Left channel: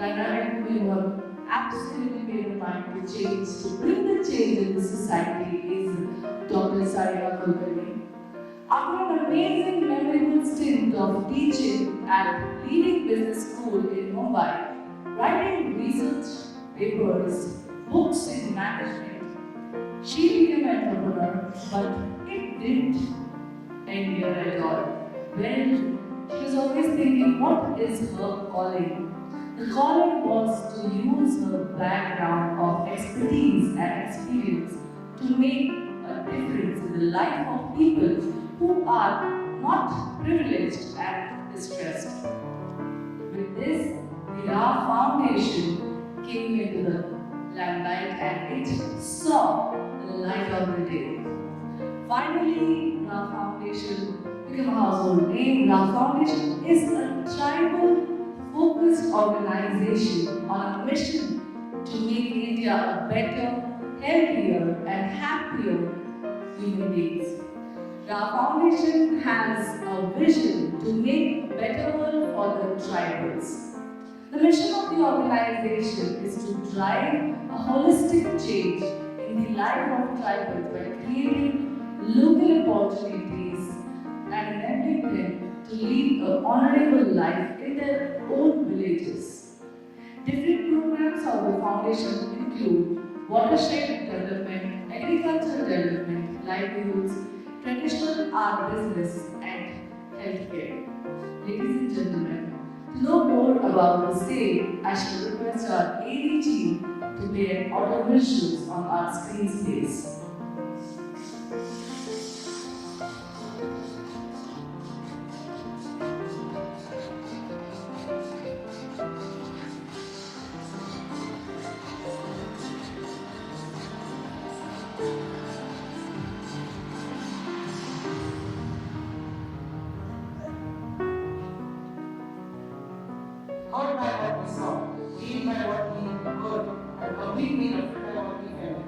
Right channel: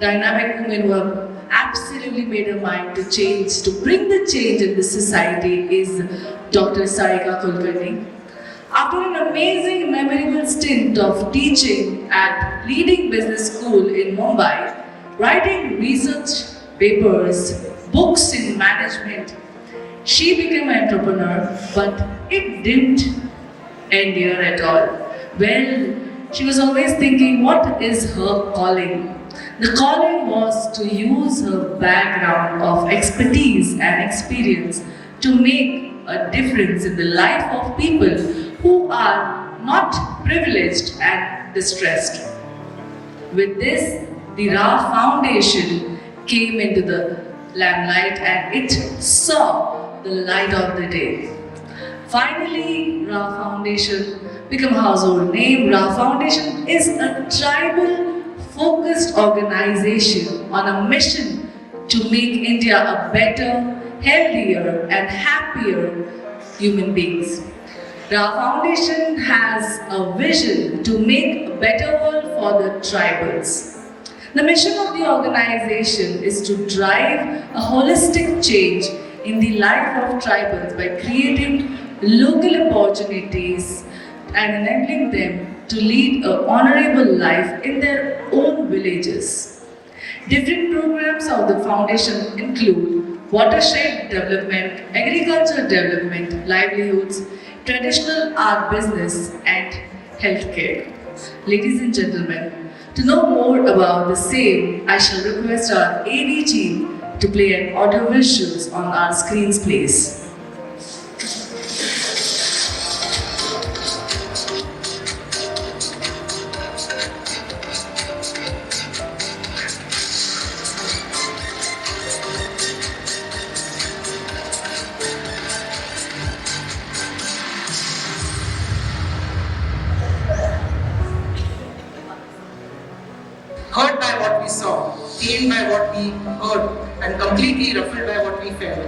dynamic woman who have absolutely made her mind to change, to bring the change in this society is Dr. Sarika Kulkarni. After an amazing, memorable stint of teaching at leading business school in Mumbai, writing research papers, books in management, she became an entrepreneur, but it didn't end here at all. Well, she was always thinking, what is her calling? The calling was to use her background of expertise and experience to make a difference in the life of people who are not privileged and distressed. With this, the Raah Foundation came into the limelight and it saw the light of the day. Finally, Raah Foundation became a household name. Raah Foundation is a tribal focused organization on a mission to make India a better, healthier and happier human beings. Raah Foundation has a vision to make a better world for the tribals. The mission of the organization is to drive a holistic change in the life of tribals by creating local opportunities and enabling them to lead an honorable life in their own villages. Different programs of the foundation include watershed development, agriculture development, livelihoods, traditional art business, and healthcare. Ladies and gentlemen, to know more about the same, I shall request our ADG to play an audio visuals on our screens, please. Hurt by what we saw, pained by what we heard, and completely ruffled by what we felt.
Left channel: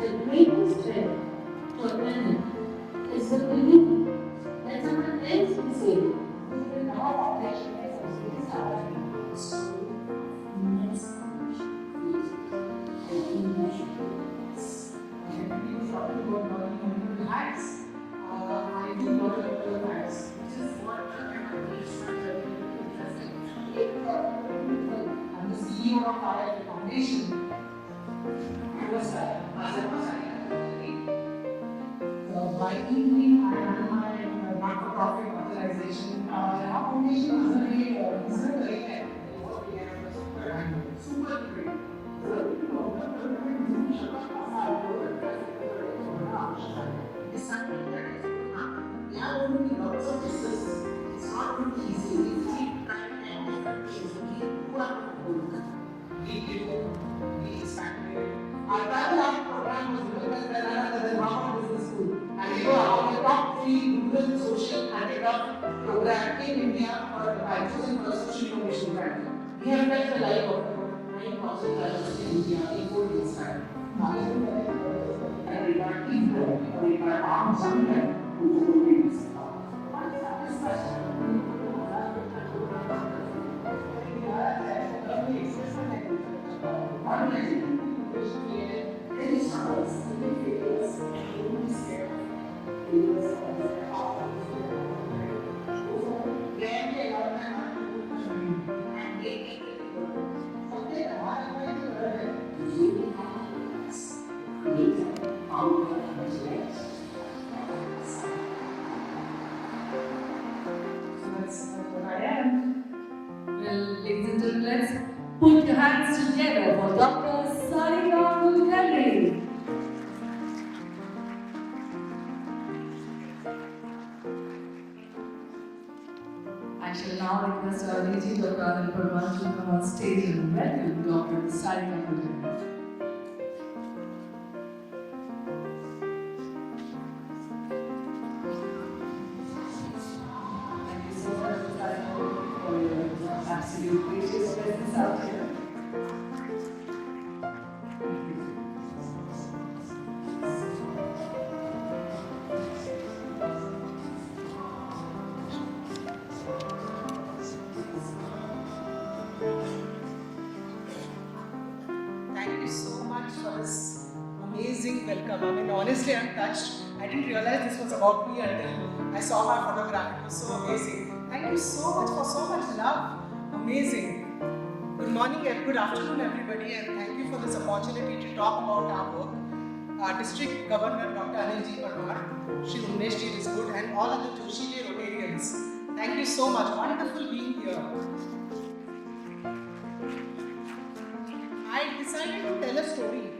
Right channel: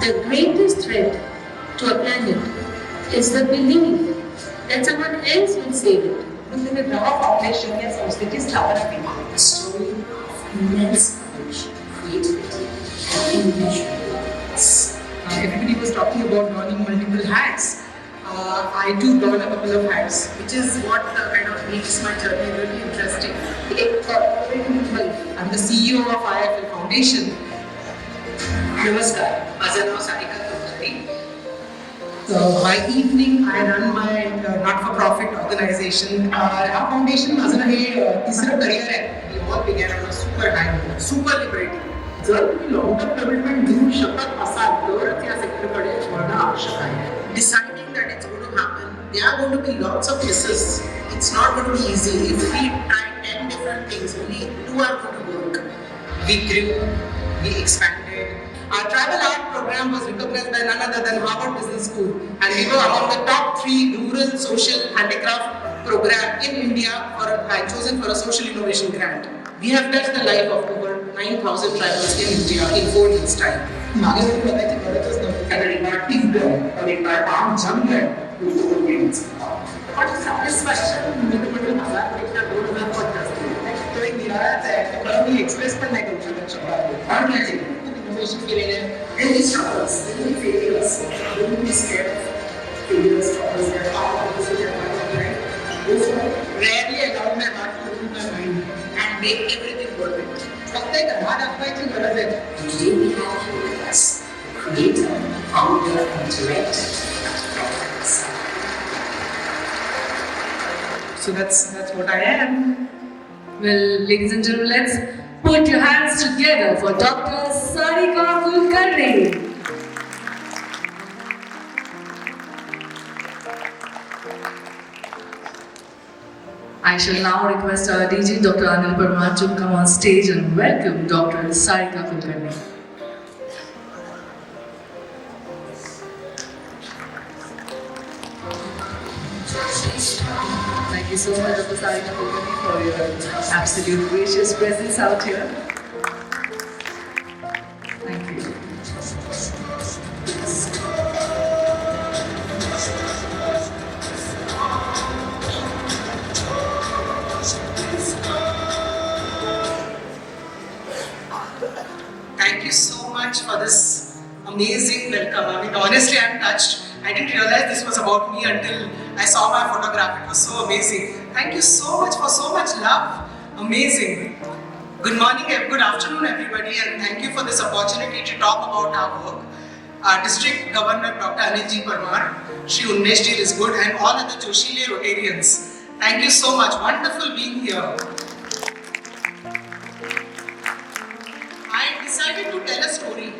The greatest threat to a planet is the belief that someone else will save it. Within the Raah Foundation या संस्कृति स्थापना में A story of immense knowledge, creativity, and immeasurable. Everybody was talking about donning multiple hats. I too don a couple of hats, which is what kind of makes my journey really interesting. I'm the CEO of IFL Foundation. नमस्कार, माझं नाव Sarika Kulkarni. By evening, I run my not-for-profit organization. Our foundation माझं हे तिसरं career आहे. We all began on a super high note, super liberating. जर तुम्ही long term commitment देऊ शकत असाल तरच या सेक्टरकडे वळणं आवश्यक आहे. Deciding that it's going to happen, there are going to be lots of misses. It's not going to be easy. If we try 10 different things, only 2 are going to work. We grew, we expanded. Our tribal art program was recognized by none other than Harvard Business School, and we were among the top 3 rural social handicraft program in India chosen for a social innovation grant. We have touched the life of over 9,000 tribals in India in 4 years' time. मागे वरून बघायची गरजच नव्हती कारण एका टीमकडे आणि एका आम जमले What satisfaction म्हणजे मला पेक्षा 2000 पट तो एक निराळाच आहे पण मी एक्सप्रेस पण नाही करू शकत और माझे इनोव्हेशन केलेले any struggles, any failures, don't be scared of failures, struggles that are obviously a part of life. Those rarely allow my heart to open my mind and make everything worth it. फक्त एक हात दाखवायची गरज आहे. Today we have here with us creator, founder, and director of So that's what I am. Well, ladies and gentlemen, let's put your hands together for Dr. Sarika Kulkarni. I shall now request our DG, Dr. Anil Parmar, to come on stage and welcome Dr. Sarika Kulkarni. Thank you so much, Dr. Sarika Kulkarni, for your absolute gracious presence out here. Thank you. honestly, I'm touched. I didn't realize this was about me until I saw my photograph. It was so amazing. Thank you so much for so much love. Amazing. Good morning and good afternoon, everybody, and thank you for this opportunity to talk about our work. Our District Governor Dr. Anilji Parmar, Shri Unmesh Ji is good, and all other Joshile Rotarians. Thank you so much. Wonderful being here. I decided to tell a story.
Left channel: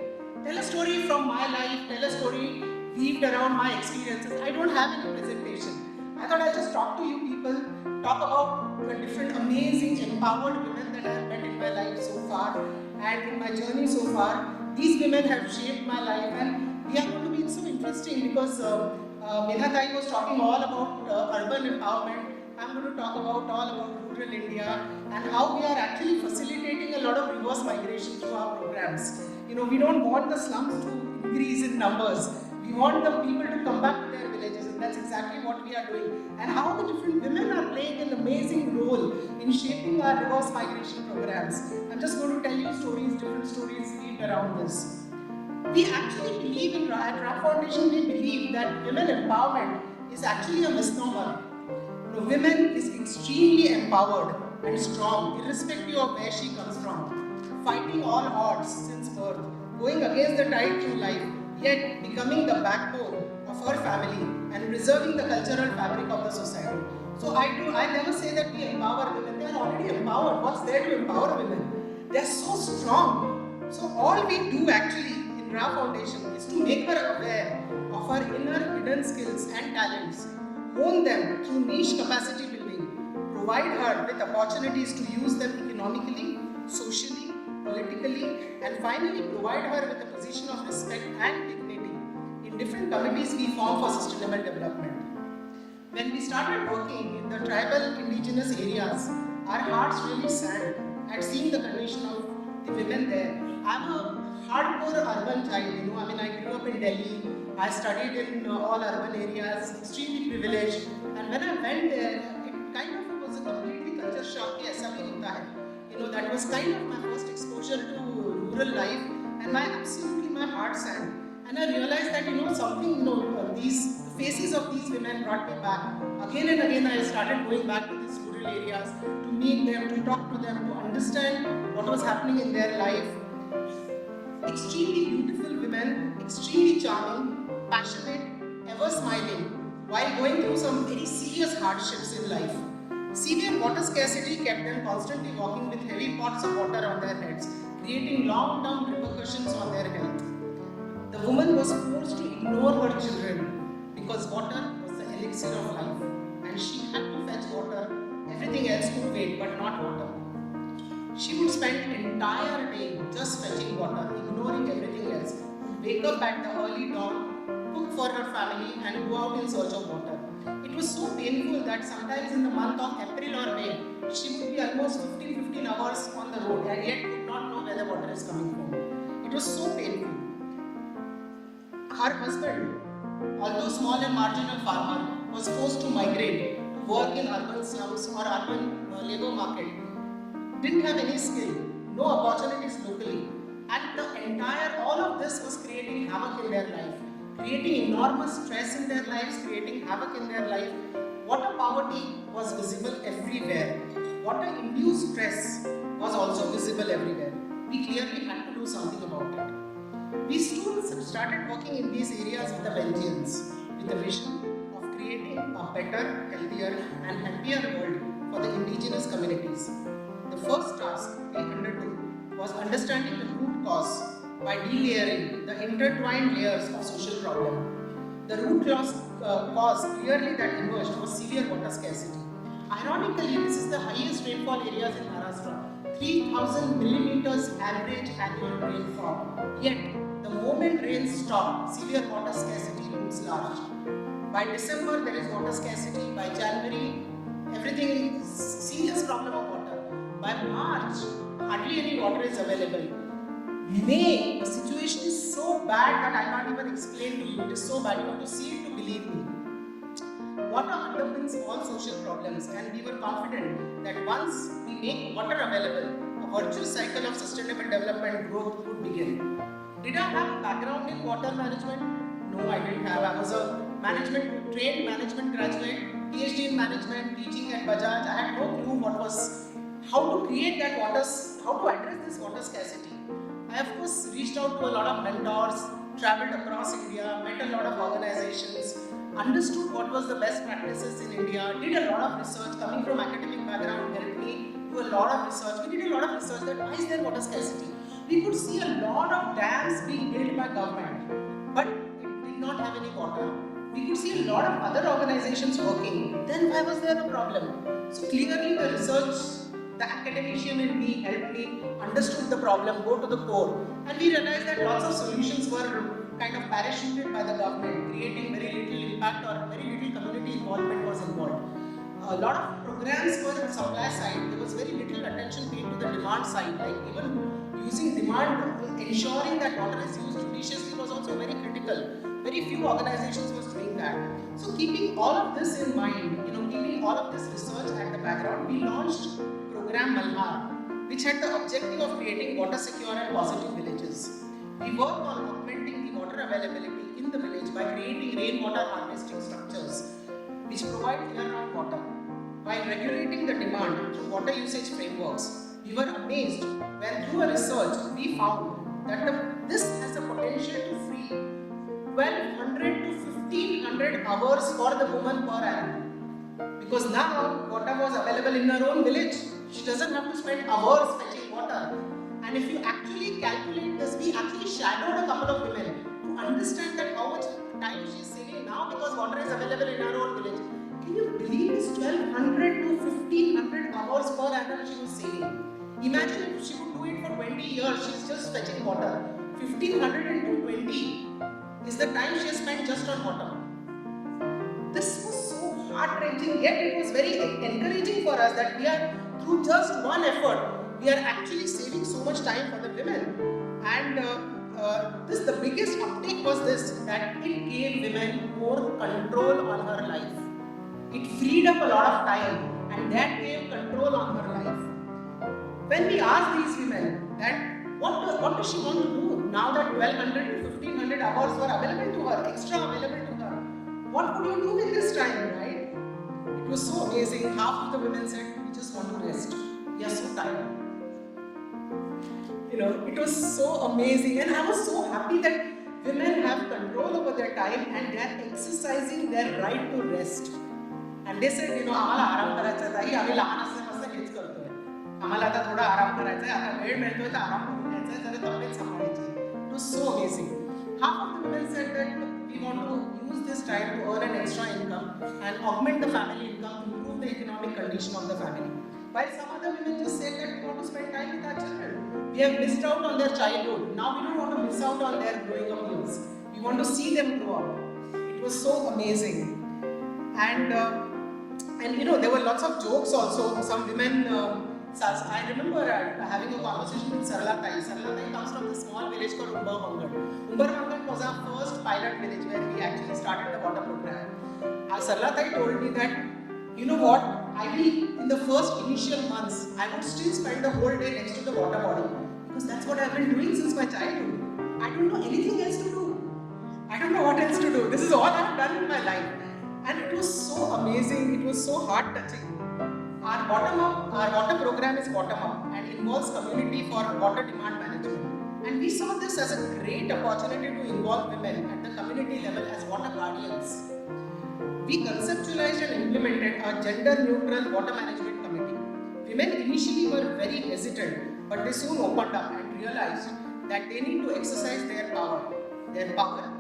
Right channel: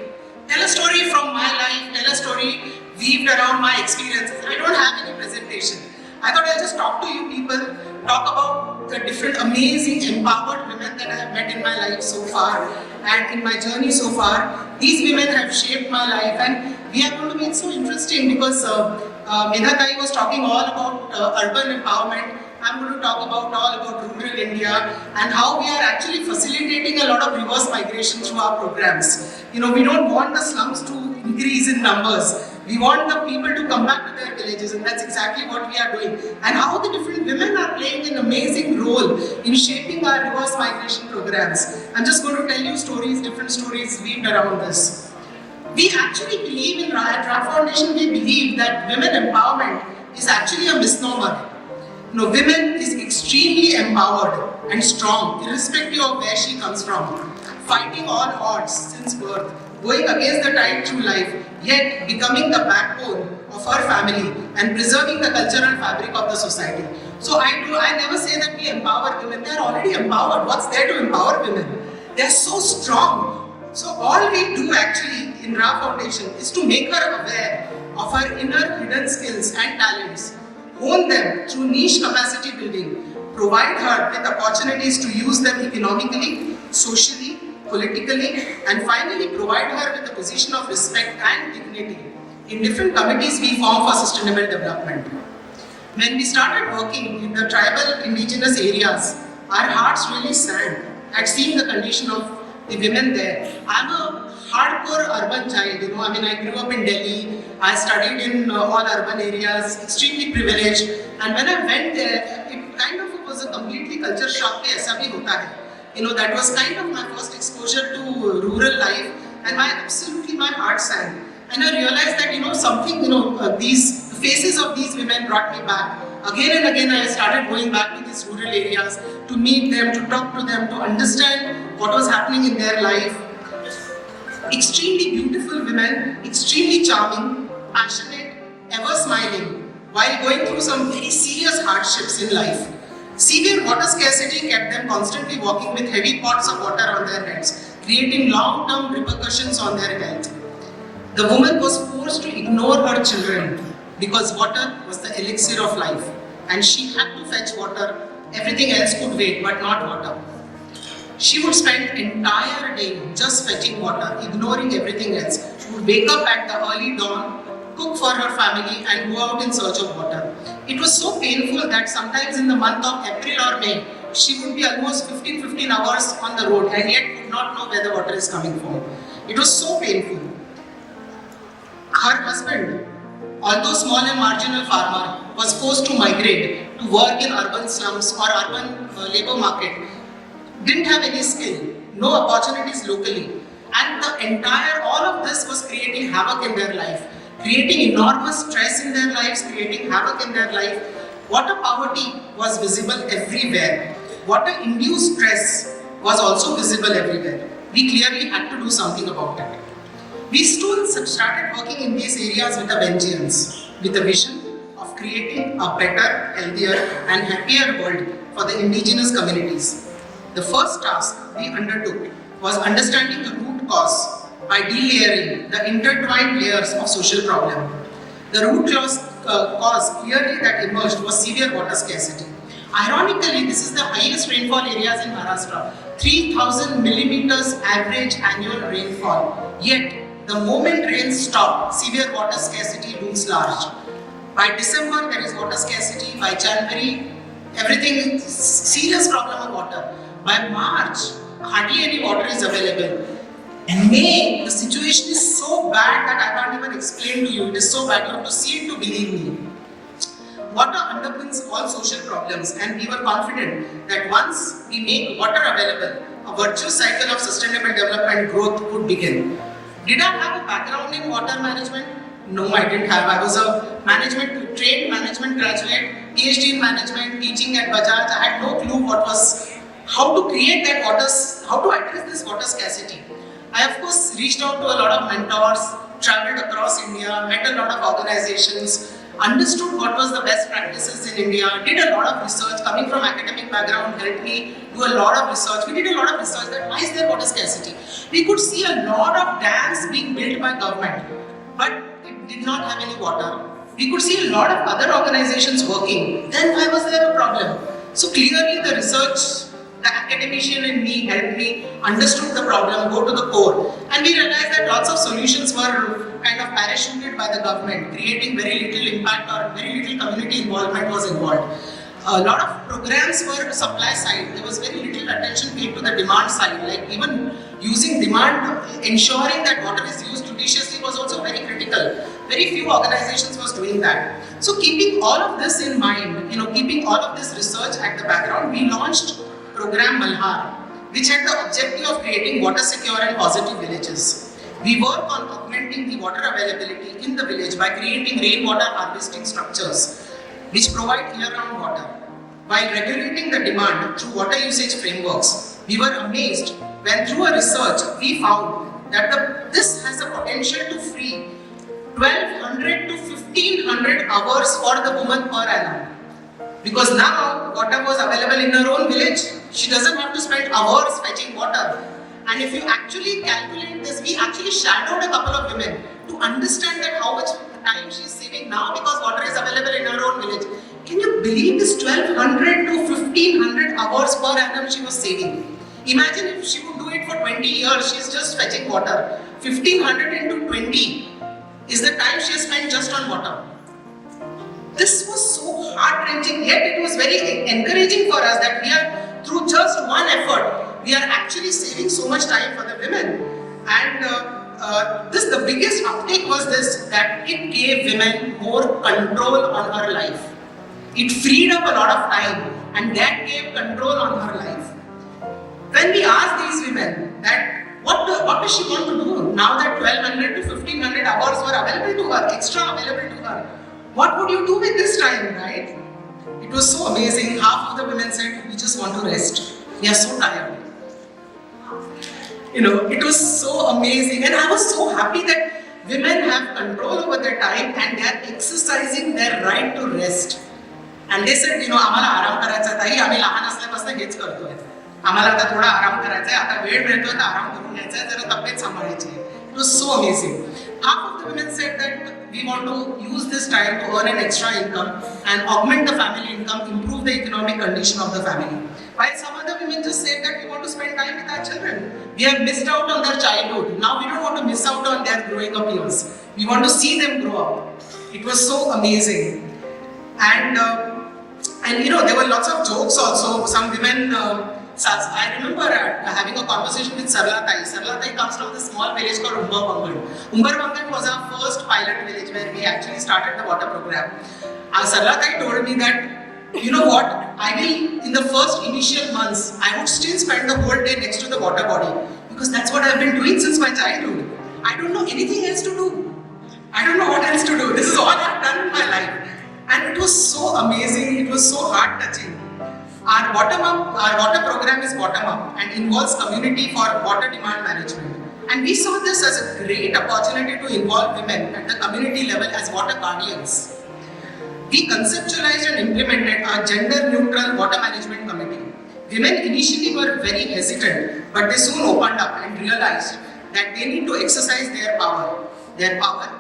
Tell a story from my life, tell a story weaved around my experiences. I don't have any presentation. I thought I'll just talk to you people, talk about the different amazing empowered women that I have met in my life so far and in my journey so far. These women have shaped my life, and we are going to be so interesting because Menatai was talking all about urban empowerment. I'm going to talk about all about rural India and how we are actually facilitating a lot of reverse migration through our programs. You know, we don't want the slums to increase in numbers. We want the people to come back to their villages, and that's exactly what we are doing. And how the different women are playing an amazing role in shaping our reverse migration programs. I'm just going to tell you stories, different stories weaved around this. We actually believe in Raah. At Raah Foundation, we believe that women empowerment is actually a misnomer. You know, women is extremely empowered and strong, irrespective of where she comes from, fighting all odds since birth, going against the tide through life, yet becoming the backbone of her family and preserving the cultural fabric of the society. So I never say that we empower women. They are already empowered. What's there to empower women? They are so strong. So all we do actually in Raah Foundation is to make her aware of her inner hidden skills and talents, own them through niche capacity building, provide her with opportunities to use them economically, socially, politically, and finally provide her with a position of respect and dignity in different committees we form for sustainable development. When we started working in the tribal indigenous areas, our hearts really sank at seeing the condition of the women there. I'm a hardcore urban child, you know, I grew up in Delhi, I studied in all urban areas, extremely privileged, and when I went there, it kind of was a completely culture shock. Aisa bhi hota hai. You know, that was kind of my first exposure to rural life, and my heart sank. And I realized that, you know, something, you know, these faces of these women brought me back. Again and again, I started going back to these rural areas to meet them, to talk to them, to understand what was happening in their life. Extremely beautiful women, extremely charming, passionate, ever smiling, while going through some very serious hardships in life. Severe water scarcity kept them constantly walking with heavy pots of water on their heads, creating long-term repercussions on their health. The woman was forced to ignore her children because water was the elixir of life, and she had to fetch water. Everything else could wait, but not water. She would spend the entire day just fetching water, ignoring everything else. She would wake up at the early dawn, cook for her family, and go out in search of water. It was so painful that sometimes in the month of April or May, she would be almost 15 hours on the road and yet would not know where the water is coming from. It was so painful. Her husband, although small and marginal farmer, was forced to migrate to work in urban slums or urban labor market. Didn't have any skill, no opportunities locally, and all of this was creating havoc in their life, creating enormous stress in their lives, creating havoc in their life. Water poverty was visible everywhere. Water-induced stress was also visible everywhere. We clearly had to do something about it. We students started working in these areas with a vengeance, with a vision of creating a better, healthier, and happier world for the indigenous communities. The first task we undertook was understanding the root cause by delayering the intertwined layers of social problem. The root cause clearly that emerged was severe water scarcity. Ironically, this is the highest rainfall areas in Maharashtra, 3,000 millimeters average annual rainfall. Yet, the moment rains stop, severe water scarcity looms large. By December, there is water scarcity. By January, everything is serious problem of water. By March, hardly any water is available. In May, the situation is so bad that I can't even explain to you. It is so bad, you have to see it to believe me. Water underpins all social problems, and we were confident that once we make water available, a virtuous cycle of sustainable development growth would begin. Did I have a background in water management? No, I didn't have. I was a trained management graduate, PhD in management, teaching at Bajaj. I had no clue how to create that how to address this water scarcity. I of course reached out to a lot of mentors, traveled across India, met a lot of organizations, understood what was the best practices in India, did a lot of research. Coming from academic background helped me do a lot of research. We did a lot of research that why is there water scarcity? We could see a lot of dams being built by government, but it did not have any water. We could see a lot of other organizations working. Then why was there a problem? So clearly the research, the academician in me helped me, understood the problem, go to the core. And we realized that lots of solutions were kind of parachuted by the government, creating very little impact or very little community involvement was involved. A lot of programs were supply side. There was very little attention paid to the demand side. Like even using demand, ensuring that water is used judiciously was also very critical. Very few organizations was doing that. So keeping all of this in mind, keeping all of this research at the background, we launched program Malhar, which had the objective of creating water secure and positive villages. We work on augmenting the water availability in the village by creating rainwater harvesting structures which provide year-round water. While regulating the demand through water usage frameworks, we were amazed when through a research we found that this has the potential to free 1200 to 1500 hours for the woman per annum. Because now water was available in her own village, she doesn't have to spend hours fetching water. And if you actually calculate this, we actually shadowed a couple of women to understand that how much time she's saving now because water is available in her own village. Can you believe this 1200 to 1500 hours per annum she was saving? Imagine if she would do it for 20 years, she's just fetching water. 1500 into 20 is the time she spent just on water. This was so heart-wrenching, yet it was very encouraging for us that we are, through just one effort, we are actually saving so much time for the women. And the biggest uptake was this, that it gave women more control on her life. It freed up a lot of time and that gave control on her life. When we asked these women that what does she want to do now that 1200 to 1500 hours were available to her, extra available to her, what would you do with this time, right? It was so amazing. Half of the women said, we just want to rest. We are so tired. It was so amazing. And I was so happy that women have control over their time and they are exercising their right to rest. And they said, आम्हाला आराम करायचा ताई, आम्ही लहान असल्यापासून हेच करतोय. आम्हाला आता थोडा आराम करायचा आहे, आता वेळ मिळतोय तर आराम करून घ्यायचा आहे, जरा तब्येत सांभाळायची आहे. It was so amazing. Half of the women said that we want to use this time to earn an extra income and augment the family income, improve the economic condition of the family. While some other women just said that we want to spend time with our children. We have missed out on their childhood. Now we don't want to miss out on their growing up years. We want to see them grow up. It was so amazing. And there were lots of jokes also. Some women, I remember having a conversation with Sarika. Sarika comes from the small village called Umbarvangan was our first pilot village where we actually started the water program. Sarika told me that, you know what, in the first initial months, I would still spend the whole day next to the water body because that's what I've been doing since my childhood. I don't know anything else to do. I don't know what else to do. This is all I've done in my life. And it was so amazing, it was so heart-touching. Our water program is bottom-up and involves community for water demand management. And we saw this as a great opportunity to involve women at the community level as water guardians. We conceptualized and implemented our gender-neutral water management committee. Women initially were very hesitant, but they soon opened up and realized that they need to exercise their power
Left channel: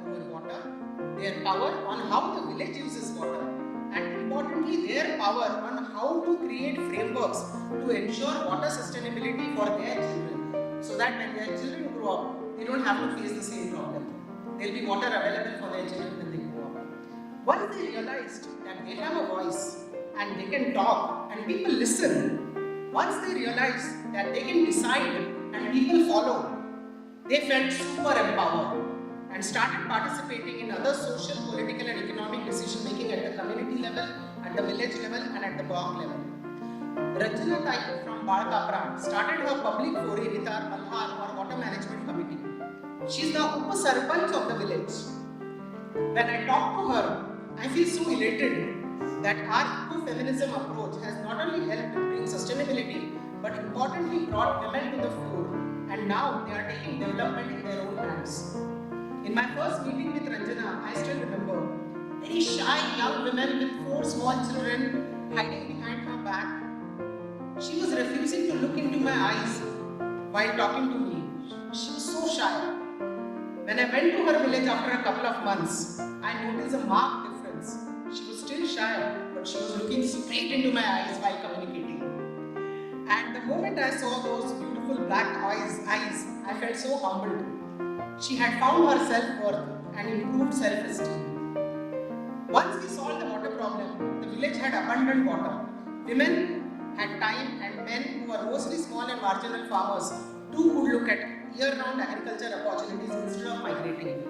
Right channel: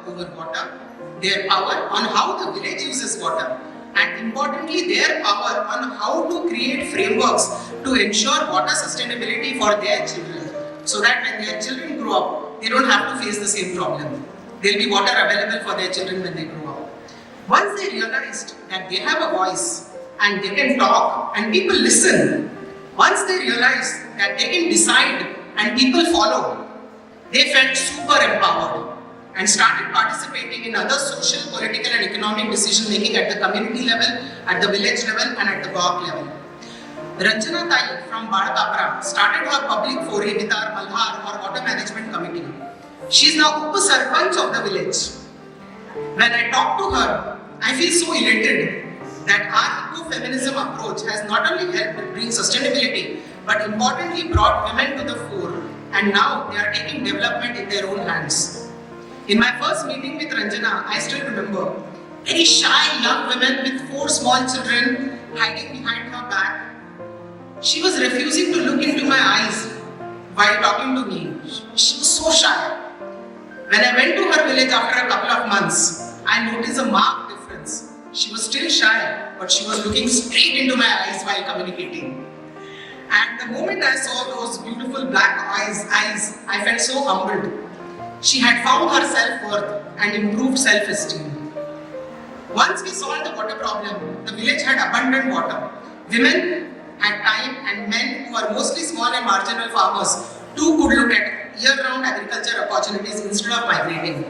over water, their power on how the village uses water, and importantly, their power on how to create frameworks to ensure water sustainability for their children, so that when their children grow up, they don't have to face the same problem. There will be water available for their children when they grow up. Once they realized that they have a voice and they can talk and people listen, once they realized that they can decide and people follow, they felt super empowered and started participating in other social, political and economic decision making at the community level, at the village level and at the block level. Ranjana Tai from Vadapara started her public foray with our Malhar or Water Management Committee. She is now Upa Sarpanch of the village. When I talk to her, I feel so elated that our ecofeminism approach has not only helped bring sustainability, but importantly brought women to the fore, and now they are taking development in their own hands. In my first meeting with Ranjana, I still remember very shy young women with 4 small children hiding behind her back. She was refusing to look into my eyes while talking to me. She was so shy. When I went to her village after a couple of months, I noticed a marked difference. She was still shy, but she was looking straight into my eyes while communicating. And the moment I saw those beautiful black eyes, I felt so humbled. She had found her self-worth and improved self-esteem. Once we solved the water problem, the village had abundant water. Women had time and men who were mostly small and marginal farmers too could look at year-round agriculture opportunities instead of migrating.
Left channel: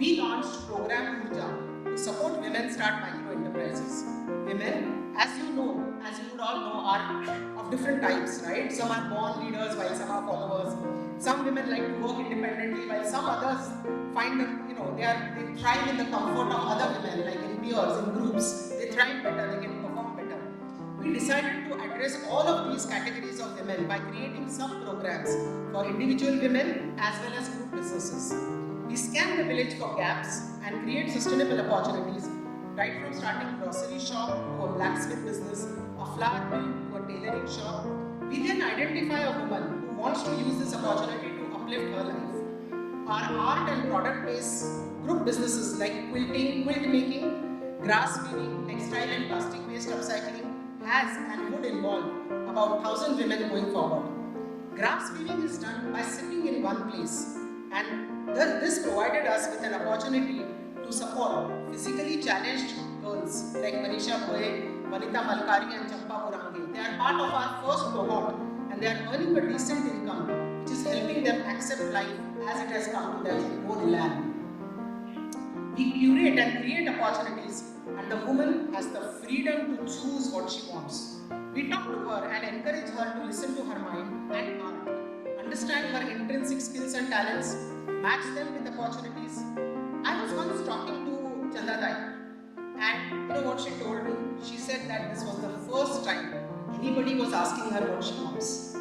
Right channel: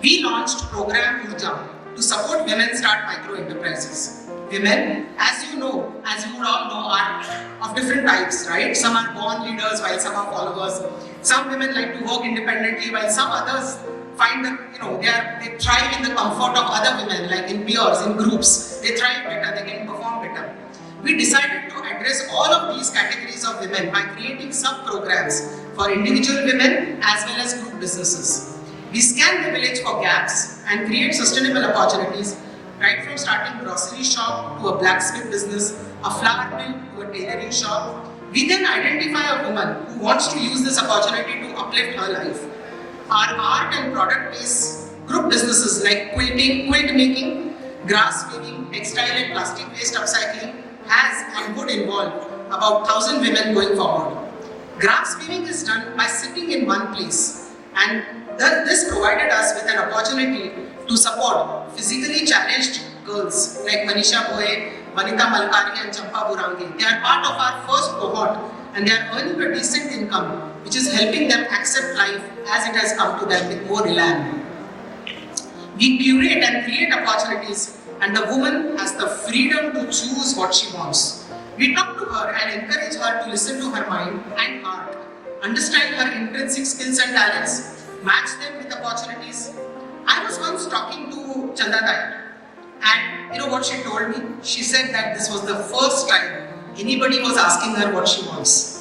We launched program Urja to support women start micro-enterprises. Women, as you would all know, are of different types, right? Some are born leaders while some are followers. Some women like to work independently while some others find that, they thrive in the comfort of other women, like in peers, in groups. They thrive better, they can perform better. We decided to address all of these categories of women by creating sub-programs for individual women as well as group businesses. We scan the village for gaps and create sustainable opportunities, right from starting a grocery shop to a blacksmith business, a flower mill to a tailoring shop. We then identify a woman who wants to use this opportunity to uplift her life. Our art and product-based group businesses like quilting, quilt making, grass weaving, textile and plastic waste upcycling has and would involve about 1,000 women going forward. Grass weaving is done by sitting in one place, and this provided us with an opportunity to support physically challenged girls like Manisha Boye, Manita Malkani and Champa Burangi. They are part of our first cohort and they are earning a decent income, which is helping them accept life as it has come to them with more elan. We curate and create opportunities, and the woman has the freedom to choose what she wants. We talk to her and encourage her to listen to her mind and heart, understand her intrinsic skills and talents, match them with opportunities. I was once talking to Chandadai, and you know what she told me? She said that this was the first time anybody was asking her what she wants.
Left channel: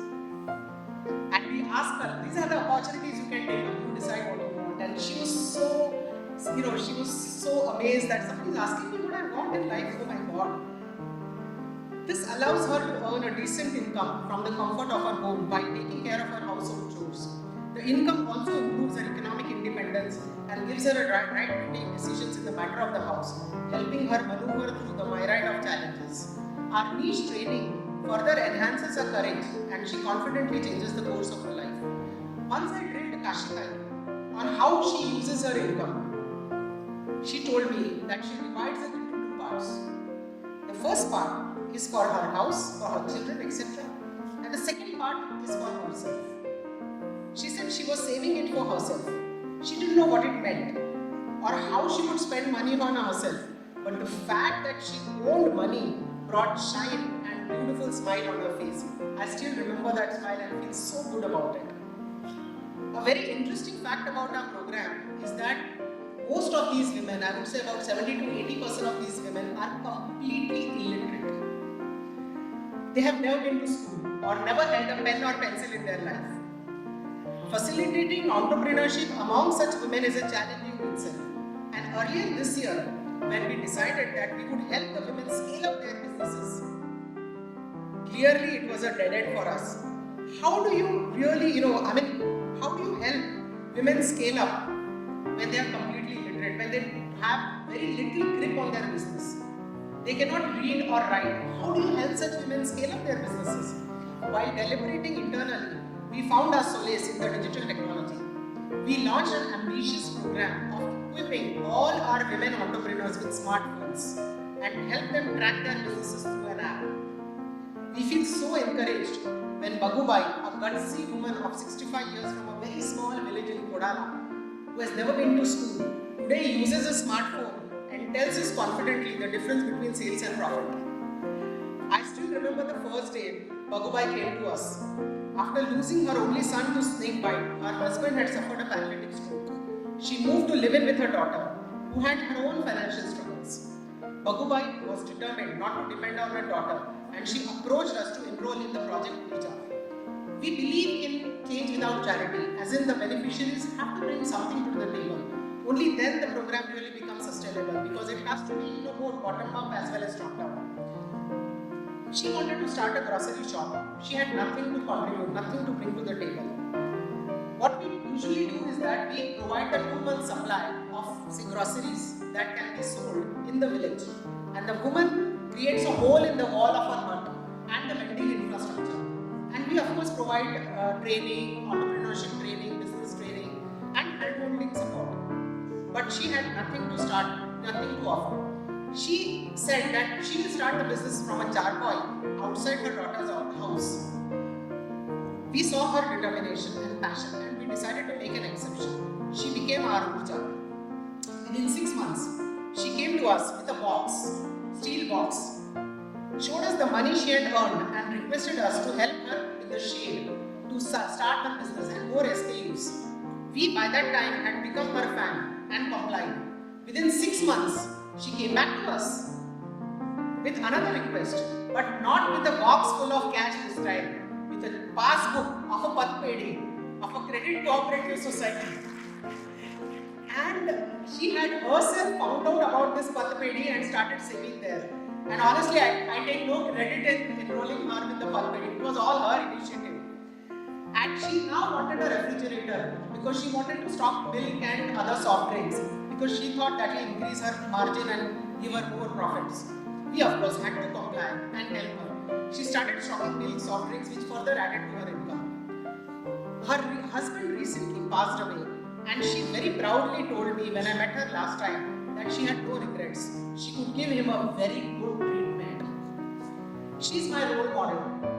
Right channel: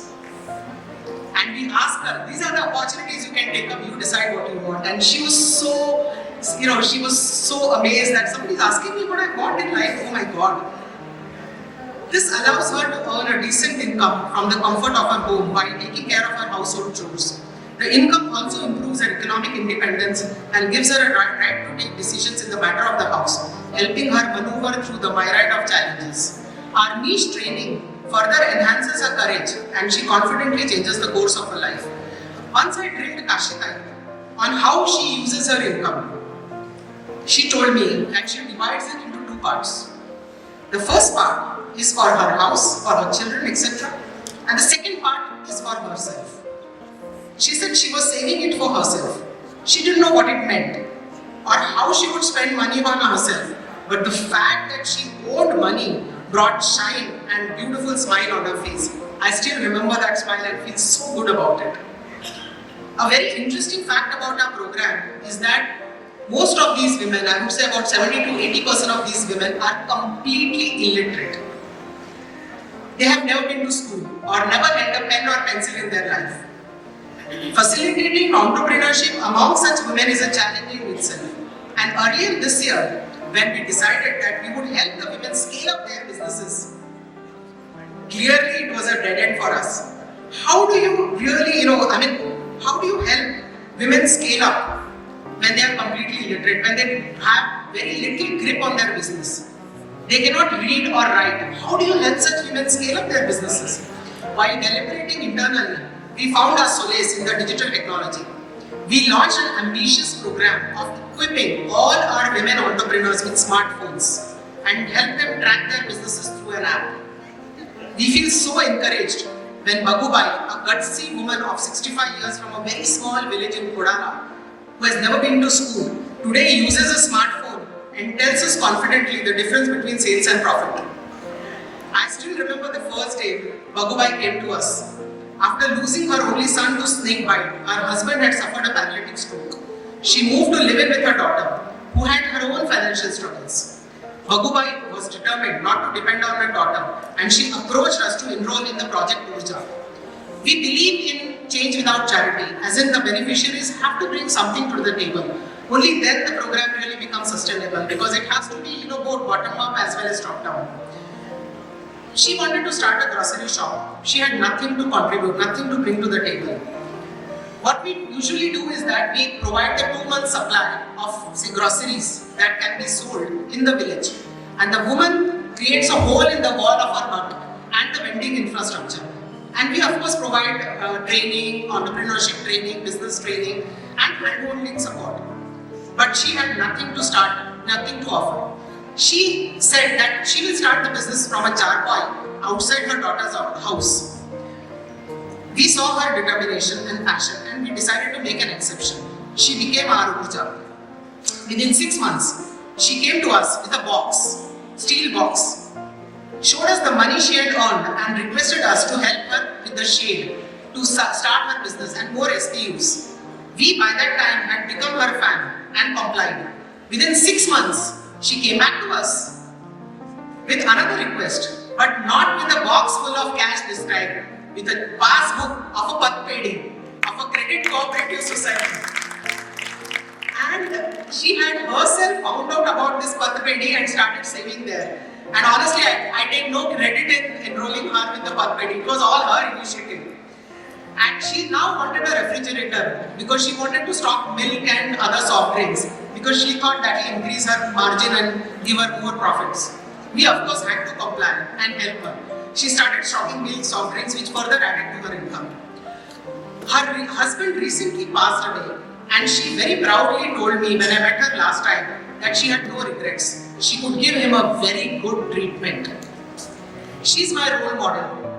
And we asked her, these are the opportunities you can take up, you decide what you want. And she was so, she was so amazed that somebody is asking me what I want in life. Oh my God. This allows her to earn a decent income from the comfort of her home while taking care of her household chores. The income also improves her economic independence and gives her a right to take decisions in the matter of the house, helping her maneuver through the myriad of challenges. Our niche training further enhances her courage and she confidently changes the course of her life. Once I trained Kashita on how she uses her income. She told me that she divides it into 2 parts. The first part is for her house, for her children, etc. And the second part is for herself. She said she was saving it for herself. She didn't know what it meant or how she would spend money on herself. But the fact that she owned money brought shine and beautiful smile on her face. I still remember that smile and feel so good about it. A very interesting fact about our program is that most of these women, I would say about 70 to 80% of these women are completely illiterate. They have never been to school or never held a pen or pencil in their life. Facilitating entrepreneurship among such women is a challenge in itself. And earlier this year, when we decided that we would help the women scale up their businesses, clearly it was a dead end for us. How do you really, how do you help women scale up when they are completely illiterate, when they have very little grip on their business? They cannot read or write. How do you help such women scale up their businesses? While deliberating internally, we found our solace in the digital technology. We launched an ambitious program of equipping all our women entrepreneurs with smartphones and help them track their businesses through an app. We feel so encouraged when Bagubai, a gutsy woman of 65 years from a very small village in Kodala, who has never been to school, today uses a smartphone and tells us confidently the difference between sales and profit. I still remember the first day Bagubai came to us. After losing her only son to snake bite, her husband had suffered a paralytic stroke. She moved to live in with her daughter. who had her own financial struggles. Bagubai was determined not to depend on her daughter, and she approached us to enroll in the project Urja. We believe in change without charity, as in the beneficiaries have to bring something to the table. Only then the program really becomes sustainable, because it has to be both bottom up as well as top down. She wanted to start a grocery shop. She had nothing to contribute, nothing to bring to the table. What we usually do is that we provide a 2-month supply of groceries that can be sold in the village. And the woman creates a hole in the wall of her hut and the vending infrastructure. And we of course provide training, entrepreneurship training, business training and hand-holding support. But she had nothing to start, nothing to offer. She said that she will start the business from a charcoal outside her daughter's house. We saw her determination and passion, and we decided to make an exception. She became our Urja. Within 6 months, she came to us with a box, steel box, showed us the money she had earned and requested us to help her with the shade to start her business and more SKUs. We by that time had become her fan and complied. Within 6 months, she came back to us with another request, but not with a box full of cash this time, with a passbook of a path wedding of a credit cooperative society. And she had herself found out about this path wedding and started saving there. And honestly, I take no credit in enrolling her with the path wedding. It was all her initiative. And she now wanted a refrigerator because she wanted to stock milk and other soft drinks, because she thought that will increase her margin and give her more profits. We of course had to comply and help her. She started stocking milk, soft drinks, which further added to her income. Her husband recently passed away, and she very proudly told me when I met her last time that she had no regrets. She would give him a very good treatment. She's my role model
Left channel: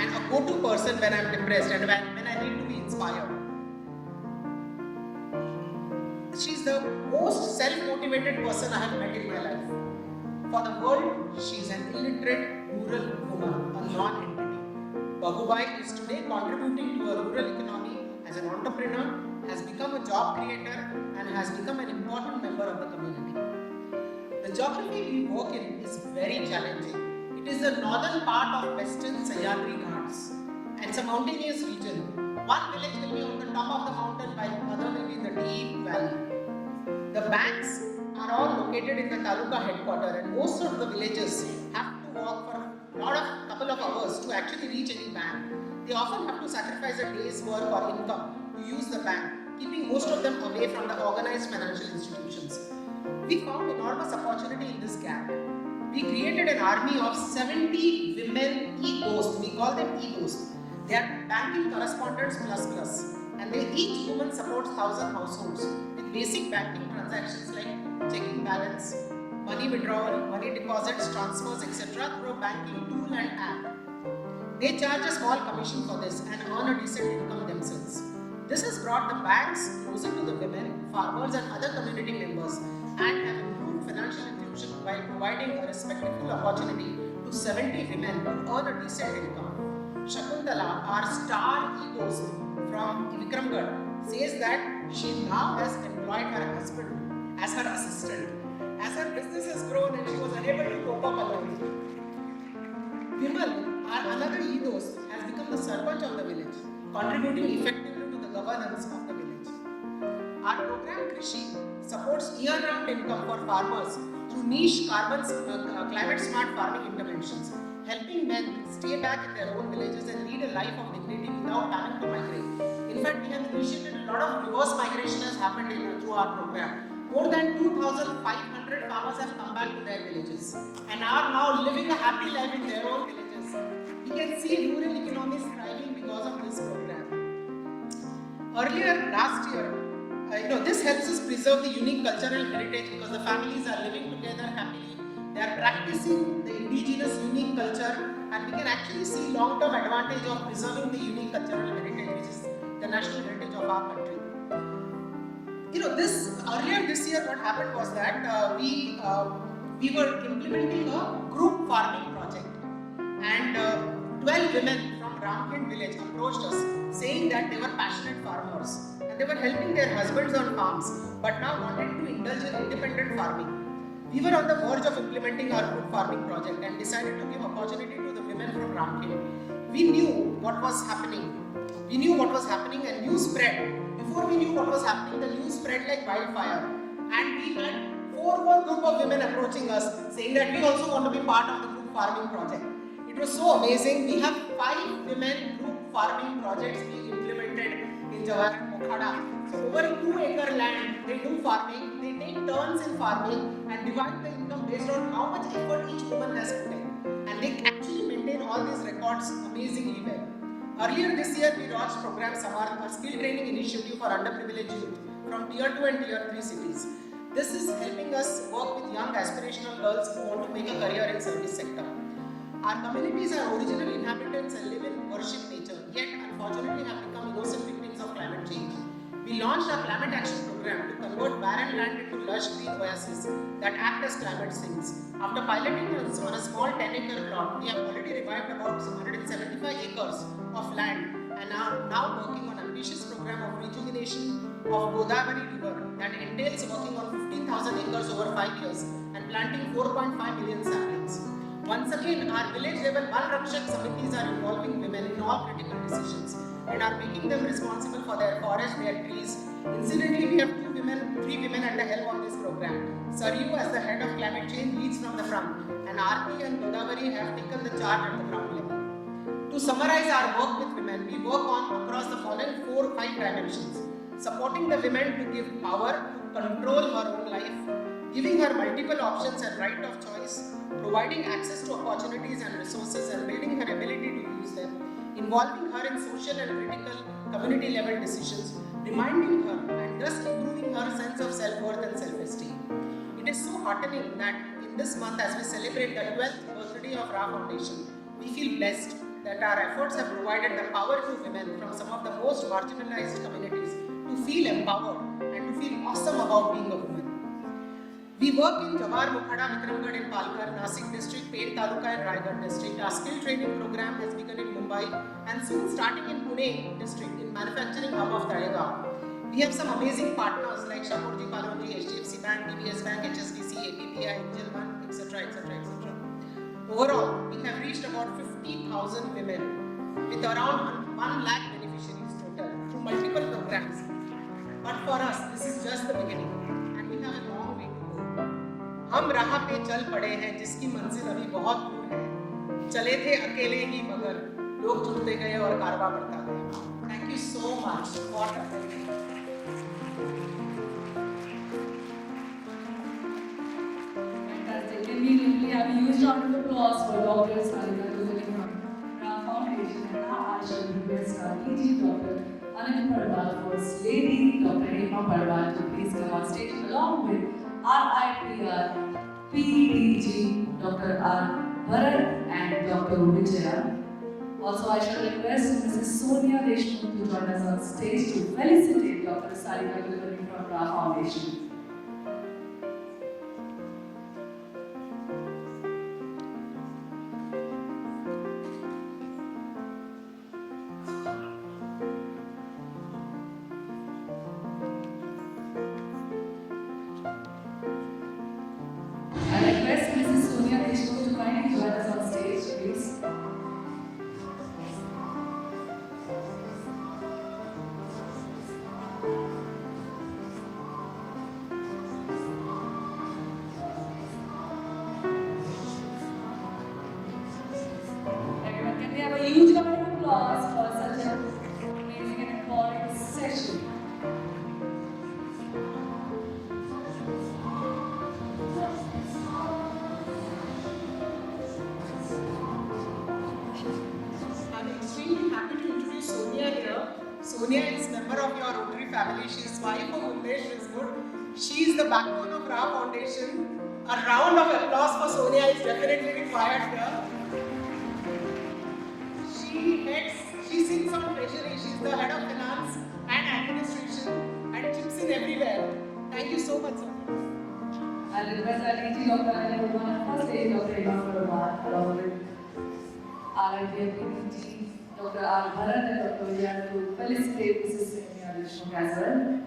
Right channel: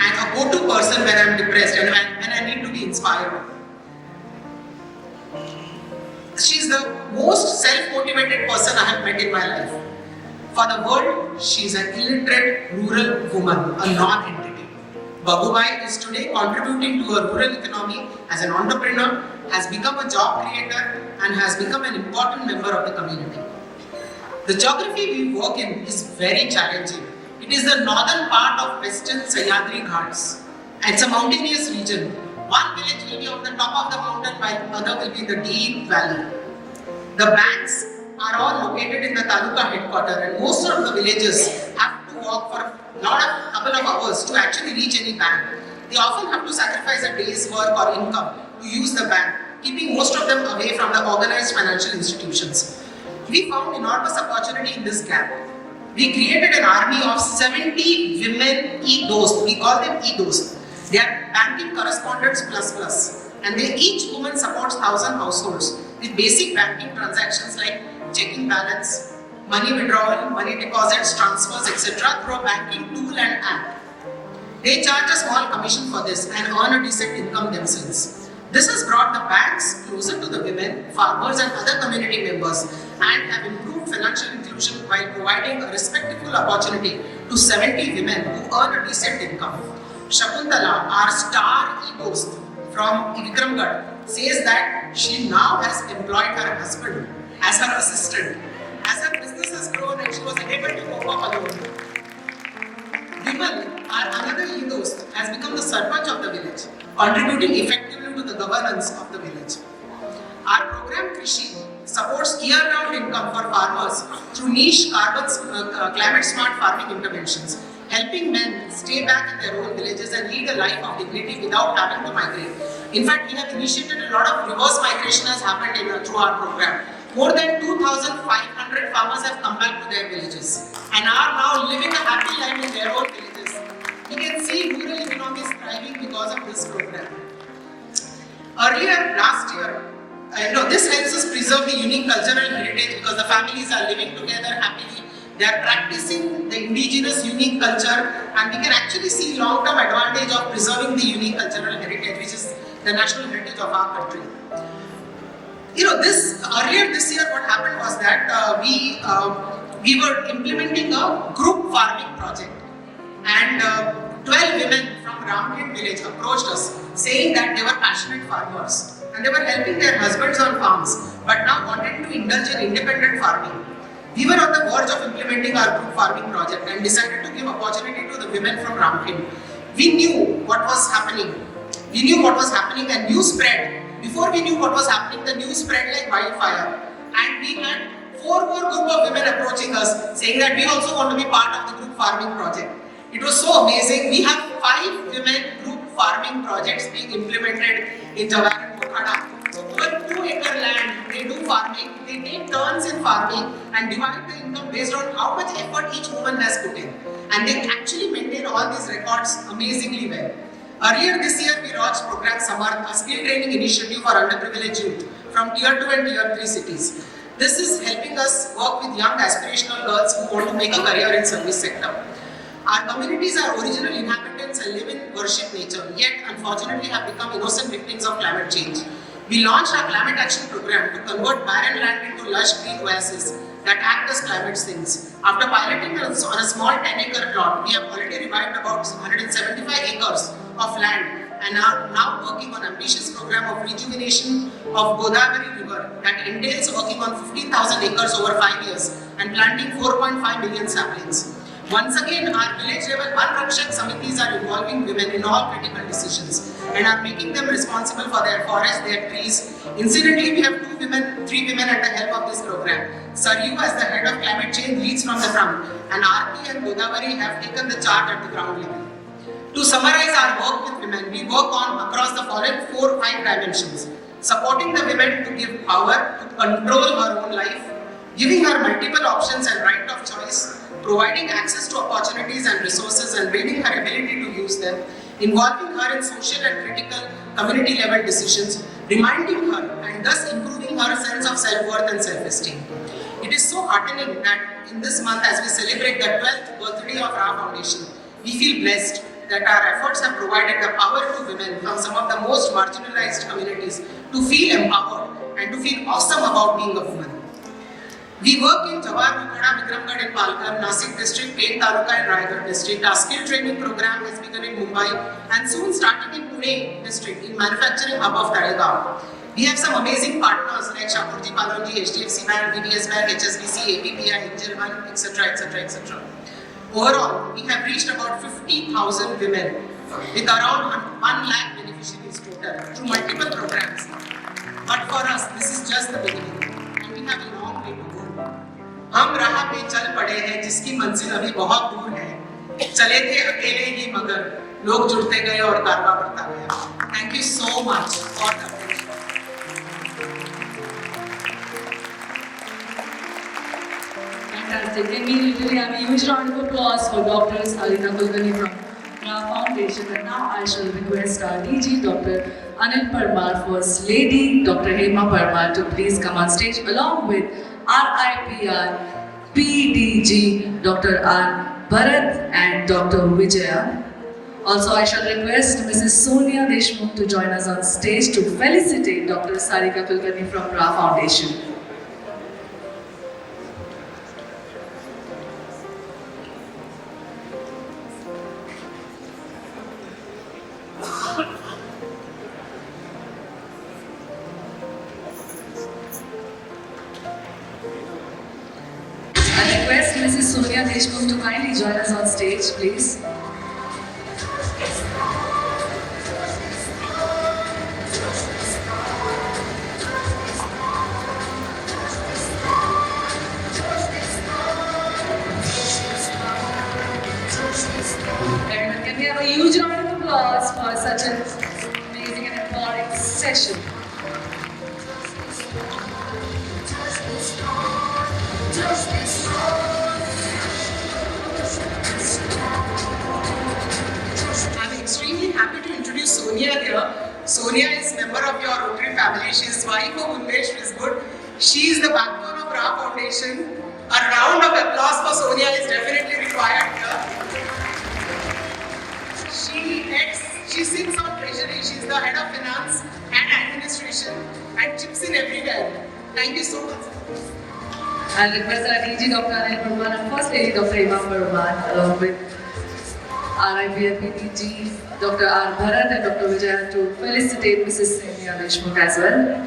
and a go-to person when I'm depressed and when I need to be inspired. She's the most self-motivated person I have met in my life. For the world, she's an illiterate rural woman, a non-entity. Bagubai is today contributing to a rural economy as an entrepreneur, has become a job creator, and has become an important member of the community. The geography we work in is very challenging. It is the northern part of western Sahyadri Ghats. It's a mountainous region. One village will be on the top of the mountain, while other will be in the deep valley. The banks are all located in the taluka headquarters, and most of the villages have to walk for a couple of hours to actually reach any bank. They often have to sacrifice a day's work or income to use the bank, keeping most of them away from the organized financial institutions. We found enormous opportunity in this gap. We created an army of 70 women e-dost. We call them e-dost. They are banking correspondents plus. And each woman supports 1,000 households with basic banking transactions like checking balance, money withdrawal, money deposits, transfers, etc. through a banking tool and app. They charge a small commission for this and earn a decent income themselves. This has brought the banks closer to the women, farmers and other community members, and have improved financial inclusion while providing a respectable opportunity to 70 women who earn a decent income. Shakuntala, our star e-host from Vikramgarh, says that she now has employed her husband as her assistant. As her business has grown and she was able to go up alone. Nimal, our another e-host, has become the sarpanch of the village, contributing effectively to the governance of the village. Our program Krishi supports year-round income for farmers through niche climate-smart farming interventions, helping men stay back in their own villages and lead a life of dignity without having to migrate. In fact, we have initiated a lot of reverse migration has happened through our program. More than 2,500 farmers have come back to their villages and are now living a happy life in their own villages. You can see rural economy is thriving because of this program. Earlier last year, this helps us preserve the unique cultural heritage because the families are living together happily. They are practicing the indigenous unique culture, and we can actually see long-term advantage of preserving the unique cultural heritage, which is the national heritage of our country. Earlier this year, what happened was that we were implementing a group farming project, and 12 women from Raah village approached us saying that they were passionate farmers and they were helping their husbands on farms, but now wanted to indulge in independent farming. We were on the verge of implementing our group farming project and decided to give opportunity to the women from Ramkin. We knew what was happening. We knew what was happening and news spread. Before we knew what was happening, the news spread like wildfire. And we had 4 more group of women approaching us saying that we also want to be part of the group farming project. It was so amazing. We have 5 women group farming projects being implemented in Jawar and Kulkarni. So per 2 acre land, they do farming, they take turns in farming and divide the income based on how much effort each woman has put in. And they actually maintain all these records amazingly well. Earlier this year, we launched program Samarth, a skill training initiative for underprivileged youth from Tier 2 and Tier 3 cities. This is helping us work with young aspirational girls who want to make a career in service sector. Our communities are original inhabitants and live in worship nature, yet unfortunately have become innocent victims of climate change. We launched our climate action program to convert barren land into lush green oases that act as climate sinks. After piloting on a small 10-acre plot, we have already revived about 175 acres of land and are now working on an ambitious program of rejuvenation of Godavari River that entails working on 15,000 acres over 5 years and planting 4.5 million saplings. Once again, our village level Anrakshan Samitis are involving women in all critical decisions and are making them responsible for their forests, their trees. Incidentally, we have 3 women at the help of this program. Sarika, as the head of climate change, leads from the front, and RP and Godavari have taken the charge at the ground level. To summarize our work with women, we work on across the following 4-5 dimensions. Supporting the women to give power to control her own life, giving her multiple options and right of choice, providing access to opportunities and resources and building her ability to use them, involving her in social and critical community level decisions, reminding her and thus improving her sense of self-worth and self-esteem. It is so heartening that in this month, as we celebrate the 12th birthday of Raah Foundation, we feel blessed that our efforts have provided the power to women from some of the most marginalized communities to feel empowered and to feel awesome about being a woman. We work in Jawar, Vikramgarh and Palghar, Nasik district, Peth Taluka and Raigad district. Our skill training program has begun in Mumbai and soon starting in Pune district in manufacturing hub of Talegaon. We have some amazing partners like Shakurji Palonji, HDFC Bank, DBS Bank, HSBC, APPI, Angel One, etc., etc., etc. Overall, we have reached about 50,000 women with around 1 lakh beneficiaries total through multiple programs. But for us, this is just the beginning, and we have a long way to go. हम राह पे चल पड़े हैं जिसकी मंजिल अभी बहुत दूर है. चले थे अकेले ही मगर लोग जुड़ते गए और कारवां बढ़ता गया. Thank you so much for the Fantastic. Can we literally have a huge round of applause for Dr. Sarika Kulkarni from Raah Foundation. And now I shall request our DG, Dr. Anil Parmar, First Lady, Dr. Hema Parmar, to please come on stage along with RIPR, PDG, Dr. R. Bharat and Dr. Vijaya. Also, I shall request Mrs. Sonia Deshmukh to join us on stage to felicitate Dr. Sarika Kulkarni from Raah Foundation. I request Mrs. Sonia Deshmukh to kindly join us on stage, please. Everyone, can we have a huge round of applause for such an amazing and empowering session? I'm extremely happy to introduce Sonia here. Sonia is member of your Rotary family. She is wife of Unmesh Visgood. She is the backbone of Raah Foundation. A round of applause for Sonia is definitely required here. She sits on treasury. She is the head of finance and administration and chips in everywhere. Thank you so much. I'll request our DG, Dr. Anil Parmar, and First Lady, Dr. Hema Parmar, along with RIPR, PDG, Dr. R. Bharat and Dr. Vijaya to felicitate Mrs. Senia Deshmukh as well.